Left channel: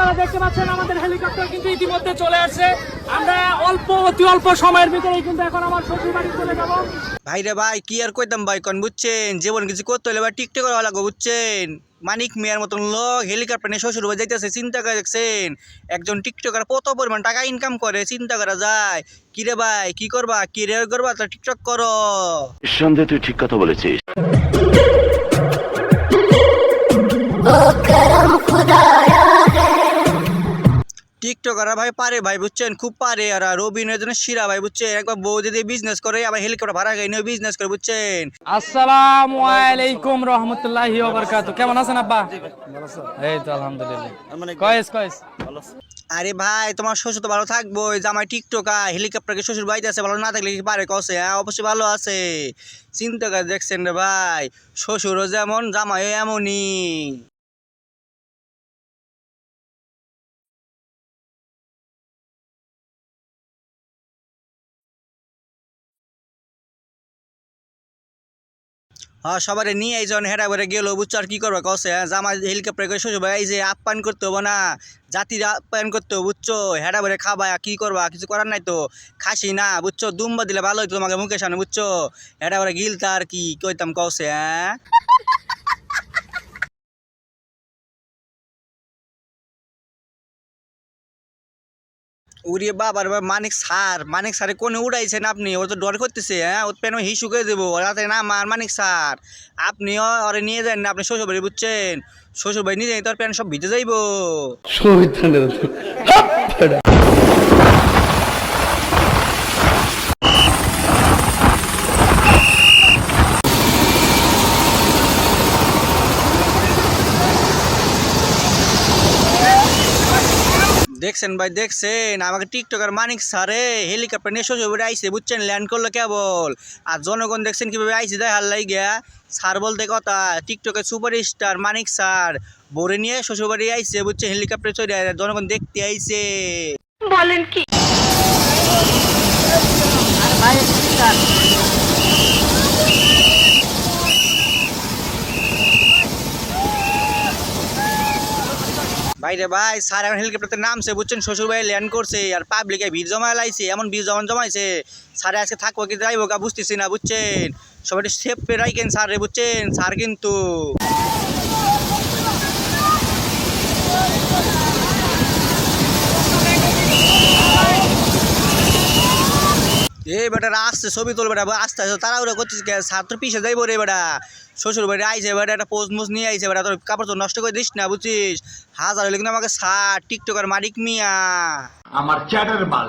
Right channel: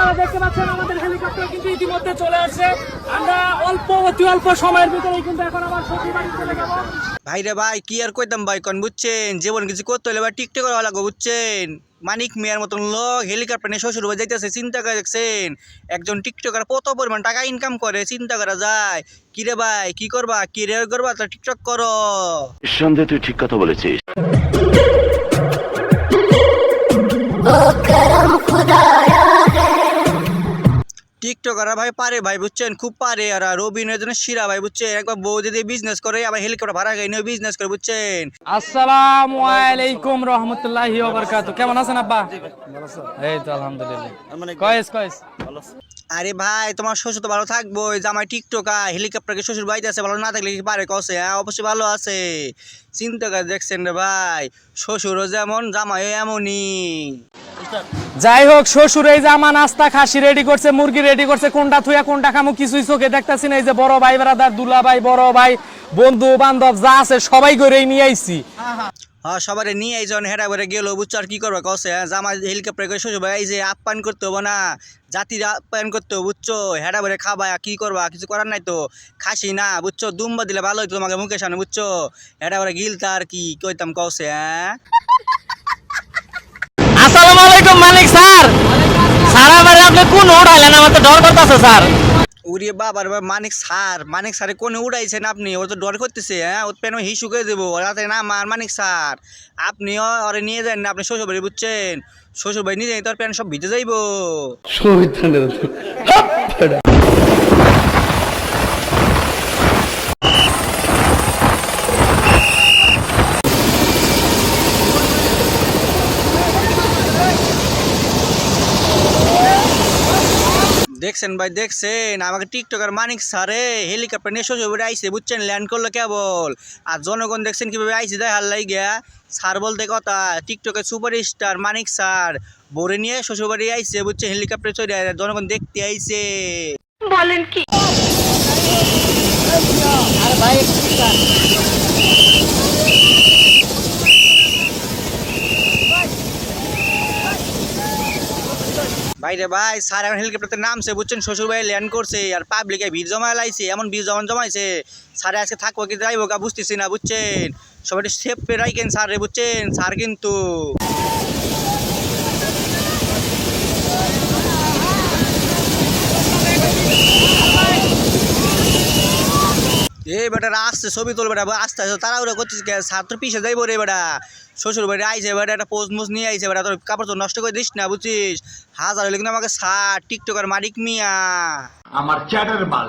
আপনারা দেখতে পাচ্ছেন আমাদের হেলিকপ্টার কিন্তু ইতিমধ্যে চলে আসছে। আমরা অতি অল্প সময়ের ভিতরেই কিন্তু এখন আমার শ্বশুর বাড়ি চলে যাব। ভাই রে ভাই কি আর কইতাম ভাই কোন বুঝছেন, জীবন কিছু করতে হলে ভাই টিকটক করা লাগবে বুঝছেন। মানিক মিয়ার মতন লোক হেলিকপ্টার নিয়ে শ্বশুর বাড়ি যাইতেছে, চিন্তা করে দেখছেন একজন টিকটকার কত পরিমাণ টাকা ইনকাম করে, চিন্তা করা যায়। কি রে ভাই কি করবা, কেরিয়ার করবা তা টিকটক করো। নিঃসন্দেহে তুই ঠিক কথা বলেছিস। টিকটকাররা ভাই পারে ভাই বুঝছেন, খুব পারে। আর রবিনের জন্য শিরা ভাই বুঝছেন, একবার বউ যদি বিজনেস করে আবার হেলিকপ্টার ভাড়া গাই নিয়ে বিজনেস করে বুঝছেন। আসসালামু আলাইকুম রাহমাতুল্লাহি ওয়া বারাকাতুহু। কেমন আছেন আব্বা? এই তো আলহামদুলিল্লাহ। কয়েস আরে ভাই তোমার শ্বশুর তো ভালো থাকবো, জামাই টিকটকার হেলিকপ্টারকে শ্বশুর বাড়িতে আছে, ভালো না থাকলে কি পারে কসে? হ্যাঁ অবশ্যই ভালো আছে। চিন্তা করে দেখছেন রে ভাই, শ্বশুরও যেমন জামাইও এমনই। যাই হোক, শ্বশুর এই যে আমার নাস্তা খাসি রেডি করছে, মুরগি রেডি করছে, কোনটা থুয়া কোনটা খামু কিছুই চোখে দেখতাছি না। এই যে বড় ভাই ব্রাদার, দুলা ভাই, বড় ভাই, বন্ধু বান্ধব যা আছে সবাই করেই নিয়ে আইছি। হ্যাঁ সবারে নিয়ে এইজন হেরা করে গেল বুঝছো, আর কি করবে কসে? হ্যাঁ জামাই হেলিকপ্টার করে শ্বশুর ভাই এই যে আপ্যায়ন করতে হবো না, জাতির আপ্যায়ন করতে হবে বুঝছো। হেরা করে খাবা, কি করবা, কিছু করার নাই তো। খাসি না বুঝছো, দুম্বা দিলে ভালো হইতো তোমাকে মুখের সামনে বুঝছো। হেরা করে গিলতা আর কি কইতাম কসে? হ্যাঁ আসসালামু আলাইকুম মালিক স্যার। সারা বারে আপনি কোন উড়াইলেন, আমার তো ডর করতেছে স্যার। উড়ে বাবার মানিক স্যারে কোনে উড়াইছেন আপনি? ও তো ডর করতেছে। হ্যাঁ ওর পেন হিসু করে দেবো রাতে না মার মানিক স্যার। আপনিও ওরে নিয়ে যান না, আপনি শ্বশুর বাড়ি বুঝছেন। শ্বশুর বাড়ি নিয়ে যাই তোর প্যান সব ভিজে যাইবো। দেখছেন ভাই দেখছেন, আমাকে টিকটকার মানিক স্যারে হেলিকপ্টার নিয়ে শ্বশুর বাড়ি আইসে বুঝছেন, ল্যান্ড করলো কেবল। আর জনগণ দেখছেন কিভাবে আইসে দেয় হাল্লাই গিয়া। স্যার বলতে কথা, টিকটকের সুপারস্টার মানিক স্যার বরে নিয়ে শ্বশুর বাড়ি আইসে বুঝছেন, হেলিকপ্টার চলে জনগণ দেখতে আইসে। বলেন কি? আরে ভাই ভাইরে ভাই স্যার এখন হেলিকপ্টারতে নামছে বুঝছেন, শ্বশুর বাড়ি ল্যান্ড করছে। আর পাবলিকে ভিড় জমা লাইছে, এমন ভিড় জমাইছে। স্যারে আজকে থাকবো কি যাইবো গা বুঝতেছি না বুঝছেন। সবাই সেফ পে রাখেন স্যার রে বুঝছেন, স্যার কিন্তু এই বেটা আসছে ছবি তোল বেটা, আস্তে আস্তে তাড়াহুড়া করছিস কে? স্যার তোর পিছিয়ে যাইবো রে বেটা। শ্বশুর বাড়ি আইছে বেটা, একটা পোজ মোজ নিয়ে আইছে বেটা, তোর কাপড় তো নষ্ট করে দিস না বুঝছিস। হাজার হলে কিন্তু আমাকে স্যার টিকটকার মানিক মিয়া। আমার চ্যাটার মাল।